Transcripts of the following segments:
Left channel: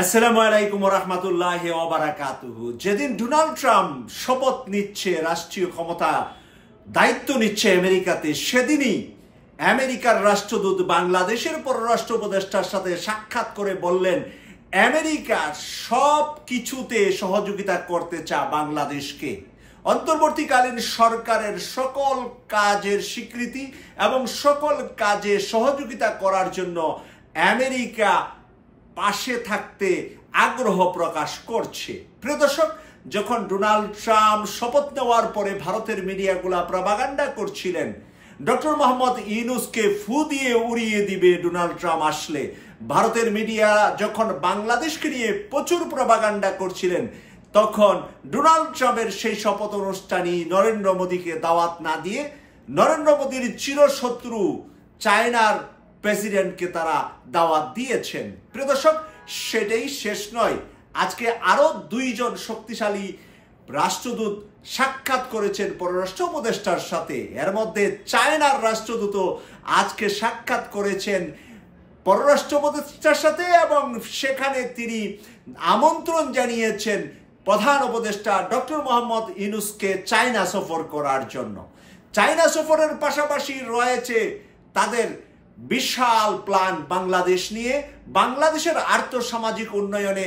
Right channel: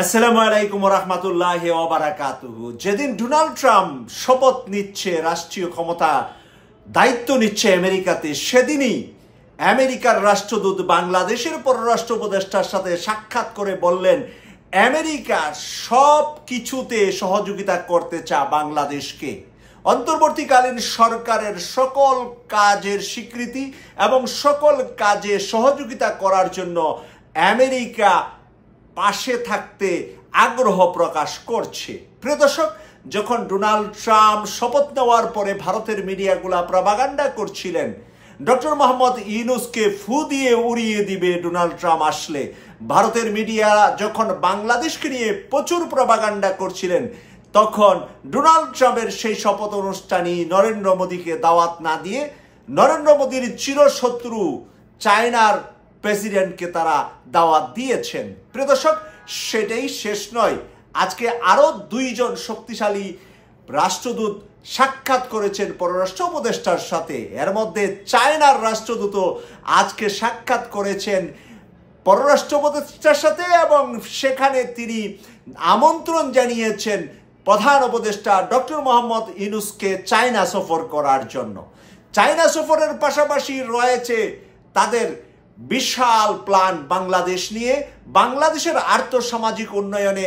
আসসালামু আলাইকুম ওয়া রাহমাতুল্লাহি ওয়া বারাকাতুহু। যেদিন ডোনাল্ড ট্রাম্প শপথ নিচ্ছে, রাষ্ট্রীয় ক্ষমতা দায়িত্ব নিচ্ছে আমেরিকাতে, সেদিনই আমেরিকার রাষ্ট্রদূত বাংলাদেশের পররাষ্ট্র উপদেষ্টার সাথে সাক্ষাৎ করে বললেন, আমেরিকা সব কিছুতে সহযোগিতা করতে চায় বাংলাদেশকে। অন্তর্বর্তীকালীন সরকারের সকল কাজের স্বীকৃতি এবং সকল কাজে সহযোগিতা করার জন্য আমেরিকা পাশে থাকতে আগ্রহ প্রকাশ করছে। প্রিয় দর্শক, যখন ডোনাল্ড ট্রাম্প শপথ নেওয়ার পরে ভারতের মিডিয়াগুলা প্রপাগান্ডা করছিলেন ডক্টর মোহাম্মদ ইউনূসকে ফু দিয়ে উড়িয়ে দিবে ডোনাল্ড ট্রাম্প আসলে, ভারতের মিডিয়া যখন বাংলাদেশকে নিয়ে প্রচুর প্রপাগান্ডা করছিলেন, তখন ডোনাল্ড ট্রাম্পের সেই শপথ অনুষ্ঠানই নরেন্দ্র মোদীকে দাওয়াত না দিয়ে নরেন্দ্র মোদীর চিরশত্রু চায়নার প্রেসিডেন্টকে তারা দাওয়াত দিয়েছেন। প্রিয় দর্শক, সেটাই শেষ নয়, আজকে আরো দুইজন শক্তিশালী রাষ্ট্রদূত সাক্ষাৎ করেছেন পররাষ্ট্র উপদেষ্টার সাথে। এর মধ্যে চায়নার রাষ্ট্রদূত আজকে সাক্ষাৎ করেছেন পররাষ্ট্র উপদেষ্টার সাথে এবং সেখানে তিনি আমন্ত্রণ জানিয়েছেন প্রধান উপদেষ্টা ডক্টর মোহাম্মদ ইউনূসকে চায়না সফর করার জন্য। চায়না সফরের পাশাপাশি রয়েছে তাদের বিশাল প্ল্যান বাংলাদেশ নিয়ে, বাংলাদেশের আর্থসামাজিক উন্নয়নে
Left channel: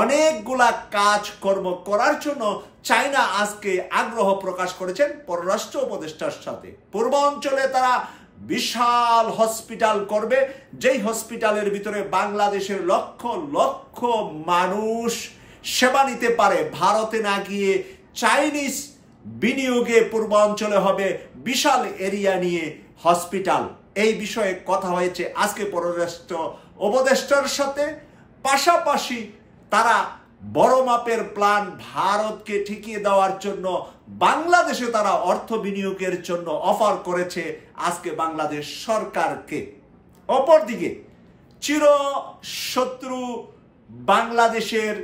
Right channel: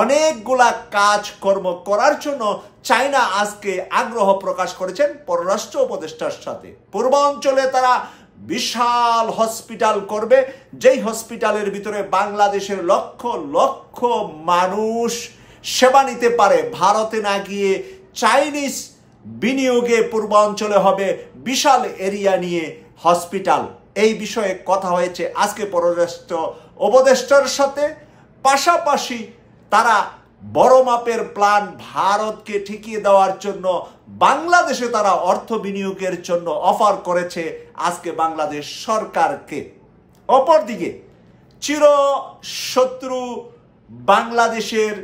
অনেকগুলা কাজকর্ম করার জন্য চায়না আজকে আগ্রহ প্রকাশ করেছেন পররাষ্ট্র উপদেষ্টার সাথে। পূর্বাঞ্চলে তারা বিশাল হসপিটাল করবে, যেই হসপিটালের ভিতরে বাংলাদেশের লক্ষ লক্ষ মানুষ সেবা নিতে পারে। ভারতে না গিয়ে চাইনিজ বিনিয়োগে পূর্বাঞ্চলে হবে বিশাল এরিয়া নিয়ে হসপিটাল। এই বিষয়ে কথা হয়েছে আজকে পররাষ্ট্র উপদেষ্টার সাথে। পাশাপাশি তারা বড় মাপের প্ল্যান ভারতকে ঠেকিয়ে দেওয়ার জন্য বাংলাদেশে তারা অর্থ বিনিয়োগের জন্য অফার করেছে আজকে বাংলাদেশ সরকারকে। অপরদিকে চিরশত্রু বাংলাদেশের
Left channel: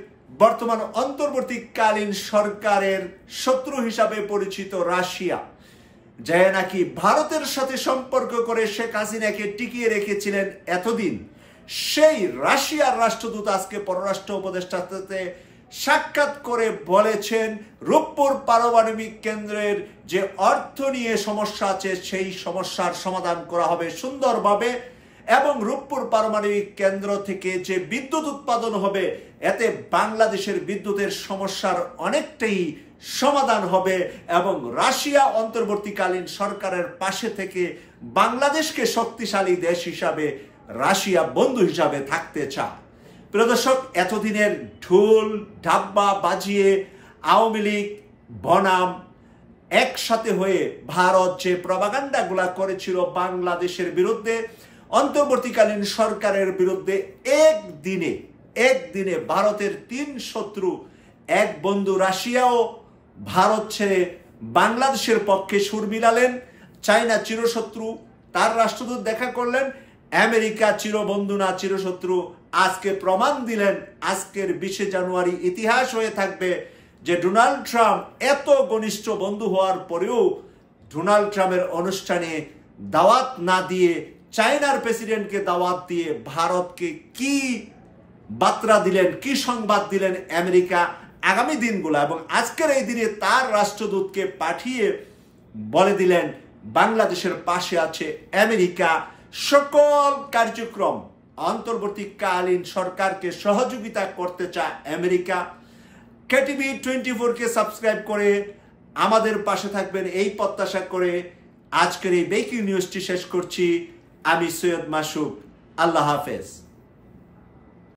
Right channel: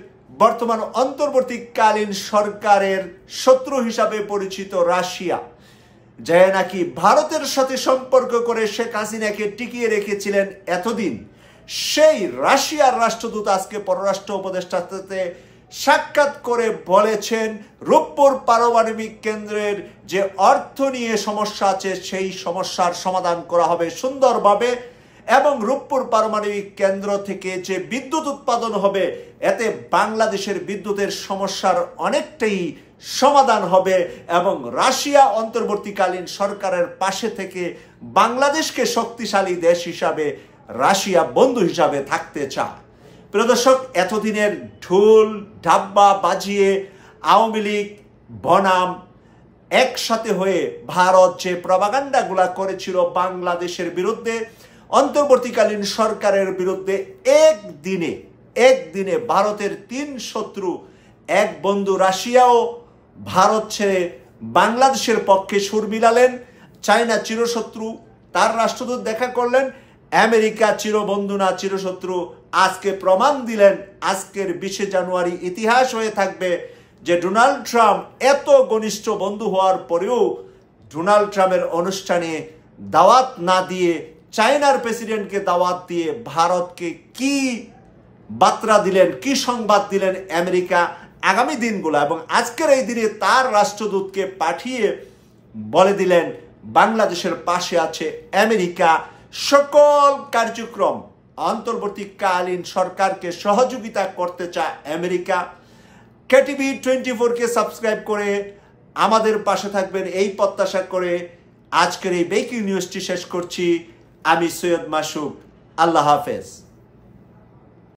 বর্তমান অন্তর্বর্তীকালীন সরকারের শত্রু হিসাবে পরিচিত রাশিয়া, যে নাকি ভারতের সাথে সম্পর্ক করে শেখ হাসিনাকে টিকিয়ে রেখেছিলেন এতদিন, সেই রাশিয়ার রাষ্ট্রদূত আজকে পররাষ্ট্র উপদেষ্টার সাথে সাক্ষাৎ করে বলেছেন রূপপুর পারমাণবিক কেন্দ্রের যে অর্থ নিয়ে সমস্যা আছে সেই সমস্যার সমাধান করা হবে সুন্দরভাবে, এবং রূপপুর পারমাণবিক কেন্দ্র থেকে যে বিদ্যুৎ উৎপাদন হবে এতে বাংলাদেশের বিদ্যুতের সমস্যার অনেকটাই সমাধান হবে এবং রাশিয়া অন্তর্বর্তীকালীন সরকারের পাশে থেকে বাংলাদেশকে শক্তিশালী দেশ হিসাবে রাশিয়া বন্ধু হিসাবে থাকতে চায়। প্রিয় দর্শক, এতদিনের ঢোল ঢাব্বা বাজিয়ে আওয়ামী লীগ বনাম একসাথে হয়ে ভারত যে প্রপাগান্ডাগুলা করেছিল বাংলাদেশের বিরুদ্ধে, অন্তর্বর্তীকালীন সরকারের বিরুদ্ধে, একদিনে ভারতের তিন শত্রু এক বন্ধু রাশিয়াও ভারত ছেড়ে বাংলাদেশের পক্ষে সুর মিলালেন। চায়না চিরশত্রু, তার রাষ্ট্রদূত দেখা করলেন। আমেরিকা চিরবন্ধু না চিরশত্রু, আজকে প্রমাণ দিলেন। আজকের 20 জানুয়ারি ইতিহাস হয়ে থাকবে যে ডোনাল্ড ট্রাম্প এত ঘনিষ্ঠ বন্ধু হওয়ার পরেও ডোনাল্ড ট্রাম্পের অনুষ্ঠানে দাওয়াত না দিয়ে চায়নার প্রেসিডেন্টকে দাওয়াত দিয়ে ভারতকে কি বার্তা দিলেন, কি সংবাদ দিলেন আমেরিকা আগামী দিনগুলো, এবং আজকের এই দিনে তার রাষ্ট্রদূতকে পাঠিয়ে বলে দিলেন বাংলাদেশের পাশে আছে আমেরিকা। সকল কার্যক্রম অন্তর্বর্তীকালীন সরকারকে সহযোগিতা করতে চায় আমেরিকা। KTV 24-কে সাবস্ক্রাইব করে আমাদের পাশে থাকবেন এই প্রত্যাশা করে আজকের এই ব্রেকিং নিউজটি শেষ করছি। আমি সৈয়দ মাসুক। আল্লাহ হাফেজ।